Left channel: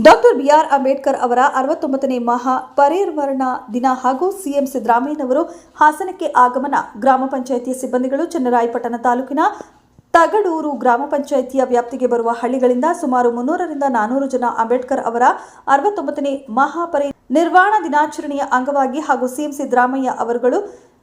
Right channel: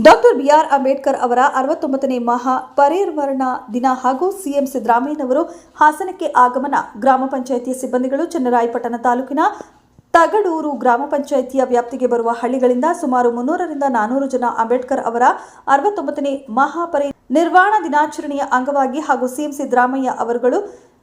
Doctor B R Ambedkar ಅವರ ಅರವತ್ತೊಂಬತ್ತನೇ ಮಹಾ ಪರಿವರ್ಣ ದಿನ ಹಾಗೂ ಸಿಎಂ ಸಿದ್ದರಾಮಯ್ಯನವರು ಹಾಸನಕ್ಕೆ ಆಗಮನ. ಗ್ರಾಮ ಪಂಚಾಯಿತಿಯ ಸಿಬ್ಬಂದಿಗಳು ಚನ್ನರಾಯಪಟ್ಟಣ ತಾಲೂಕಿನ ತಗಡೂರು ಗ್ರಾಮ ಪಂಚಾಯಿತಿಯ ವ್ಯಾಪ್ತಿಗೆ ಬರುವ ಹಳ್ಳಿಗಳಿಂದ ಸುಮಾರು ಮುನ್ನೂರರಿಂದ ನಾನೂರು ಜನ ಅಂಬೇಡ್ಕರ್ ಅವರ ಅರವತ್ತೊಂಬತ್ತನೇ ಮಹಾಪರಿ ನಿರ್ವಾಣ ದಿನಾಚರಣೆಯ ಅಂಗವಾಗಿ ಹಾಗೂ ಸಿಎಂ ಸಿದ್ದರಾಮಯ್ಯ ಅವರುಗಳು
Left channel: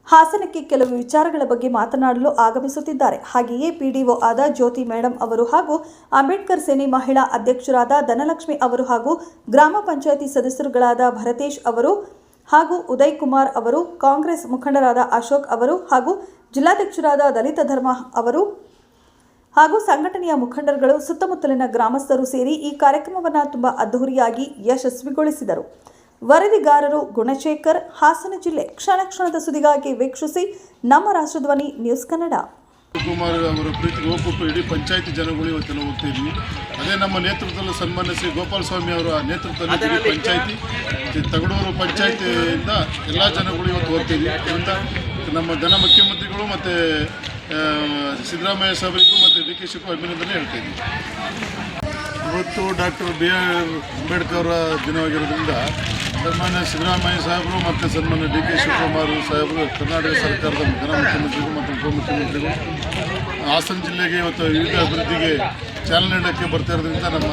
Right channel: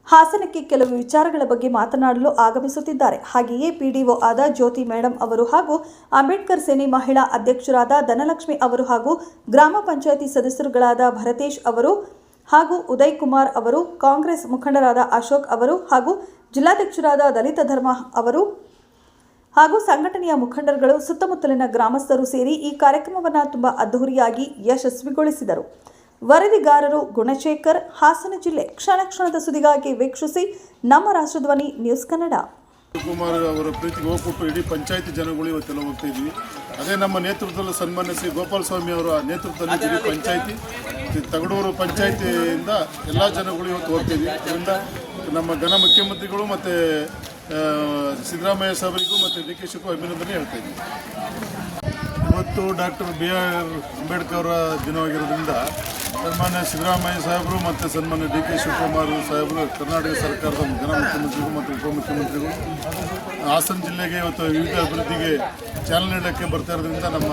ಹಾಸನಕ್ಕೆ ಕೆಲವು ವಿಚಾರಗಳ ಬಗ್ಗೆ ಮಾತನಾಡಲು ಆಗಮಿಸುತ್ತಿದ್ದಾರೆ. ಹಾಗೆಯೇ ಪಿಡಿಒ ಆದ ಜ್ಯೋತಿ ಮೇಡಂ ಅವರು ಹಾಗೂ ಅಂಬೇಡ್ಕರ್ ಸೇನೆ ಮಹಿಳಾ ಅಧ್ಯಕ್ಷರಾದ ಧನಲಕ್ಷ್ಮಿ ಅವರು ಹಾಗೂ ಗ್ರಾಮ ಪಂಚಾಯಿತಿ ಸದಸ್ಯರುಗಳಾದ ಭರತೇಶ್ ಅವರು ಹಾಗೂ ಉದಯ್ ಕುಮಾರ್ ಅವರು, ಕಾಂಗ್ರೆಸ್ ಮುಖಂಡರಾದ ಅಶೋಕ್ ಅವರು ಹಾಗೂ ಜಿಲ್ಲಾಧ್ಯಕ್ಷರಾದ ದಲಿತ ಧರ್ಮ ಅವರು ಹಾಗೂ ಸಂಘಟನೆಯ ಮುಖಂಡರುಗಳು ಸುತ್ತಮುತ್ತಲಿನ ಗ್ರಾಮಸ್ಥರು ಸೇರಿ ಈ ಕಾರ್ಯಕ್ರಮವನ್ನು ತುಂಬ ಅದ್ಧೂರಿಯಾಗಿ ಯಶಸ್ವಿಗೊಳಿಸಿದರು. ವರದಿಗಾರರು ಗುಣಶೇಖರ್, ಹಾಸನ ಜಿಲ್ಲೆ ಕ್ಷಣ ಕ್ಷಣದ ಸುದ್ದಿಗಾಗಿ ವೀಕ್ಷಿಸಿ ನಮ್ಮ ರಾಷ್ಟ್ರಧ್ವನಿ ನ್ಯೂಸ್ ಕನ್ನಡ. ಕುಮಾರ್ ಅವರ ಪ್ರೀತಿ ಹೋಗ್ಬಿಟ್ಟು ಇಡೀ ಪಂಚಾಯತಿ ಜನಗಳು ಇವತ್ತೆಲ್ಲ ಹೋಗ್ತಾ ಇದ್ವಿ. ಅದೇ ನಮ್ಮ ನೇತೃತ್ವದಲ್ಲಿ ಸನ್ಮಾನಿಸಿ ಶ್ರೀ ಗೋಪಾಲ ಸ್ವಾಮಿ ಅವರ ನೇತೃತ್ವದಲ್ಲಿ ಇಡೀ ಪಂಚಾಯತಿ ತಗಡೂರು ಪಂಚಾಯತಿಯಿಂದ ಎಲ್ಲ ಜನಗಳು ಇವತ್ತು ಹೋಗ್ತೀವಿ ಅದರಿಂದ ನಮ್ಮ ಜನ ಮುಖ್ಯಮಂತ್ರಿಗಳು ಮತ್ತು ಸಿದ್ದರಾಮಯ್ಯ ಸಾಹೇಬರಿಗೂ ಮತ್ತು ಡಿ ಕೆ ಶಿವಕುಮಾರ್ ಅಭಿನಂದನೆ ಹೇಳ್ತೀನಿ ಇವತ್ತು ಡಾಕ್ಟರ್ ಬಿ ಆರ್ ಅಂಬೇಡ್ಕರ್ ದಿನವಾಗಿರೋದ್ರಿಂದ ಸನ್ಮಾನ್ಯ ಸಿದ್ದರಾಮಯ್ಯ ಸಾಹೇಬರು ಮತ್ತು ಸನ್ಮಾನ್ಯ ಡಿ ಕೆ ಶಿವಕುಮಾರ್ ಸಾಹೇಬರು ಕರ್ನಾಟಕ ಸರ್ಕಾರದ ಮುಖ್ಯಮಂತ್ರಿಗಳು ಮತ್ತು ಉಪಮುಖ್ಯಮಂತ್ರಿಗಳು ಹಾಸನ ಜಿಲ್ಲೆಗೆ ಇವತ್ತು ವಿವಿಧ ಅಭಿವೃದ್ಧಿಗೆ ಚಾಲನೆ ನೀಡೋಕ್ಕೆ ಬರ್ತಾ ಇರೋದ್ರಿಂದ ನಮ್ಮ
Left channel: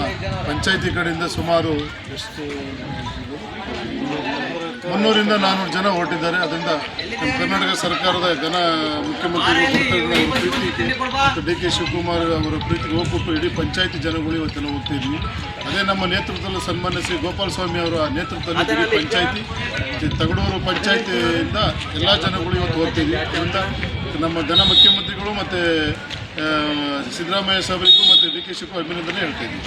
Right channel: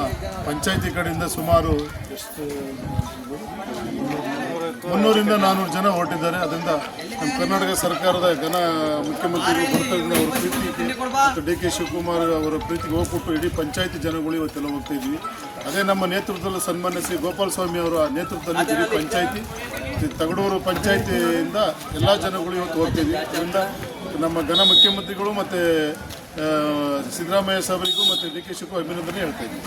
ಪಂಚಾಯಿತಿ ಕಡೆಯಿಂದ ಸುಮಾರು ನಾನ್ನೂರು ಜನ ಹೊರಟಿದ್ದಾರೆ. ಅದರಿಂದ ಕರ್ನಾಟಕ ಸರ್ಕಾರದ ಜನ ಮುಖ್ಯಮಂತ್ರಿಗಳು ಡಿ ಕೆ ಶಿವಕುಮಾರ್ ಅವರ ಪ್ರೀತಿ ಹೋಗ್ಬಿಟ್ಟು ಇಡೀ ಪಂಚಾಯತಿ ಜನಗಳು ಇವತ್ತೆಲ್ಲ ಹೋಗ್ತಾ ಇದ್ವಿ. ಅದೇ ನಮ್ಮ ನೇತೃತ್ವದಲ್ಲಿ ಸನ್ಮಾನಿಸಿ ಶ್ರೀ ಗೋಪಾಲ ಸ್ವಾಮಿ ಅವರ ನೇತೃತ್ವದಲ್ಲಿ ಇಡೀ ಪಂಚಾಯತಿ ತಗಡೂರು ಪಂಚಾಯತಿಯಿಂದ ಎಲ್ಲ ಜನಗಳು ಇವತ್ತು ಹೋಗ್ತೀವಿ ಅದರಿಂದ ನಮ್ಮ ಜನ ಮುಖ್ಯಮಂತ್ರಿಗಳು ಮತ್ತು ಸಿದ್ದರಾಮಯ್ಯ ಸಾಹೇಬರಿಗೂ ಮತ್ತು ಡಿ ಕೆ ಶಿವಕುಮಾರ್ ಅಭಿನಂದನೆ ಹೇಳ್ತೀನಿ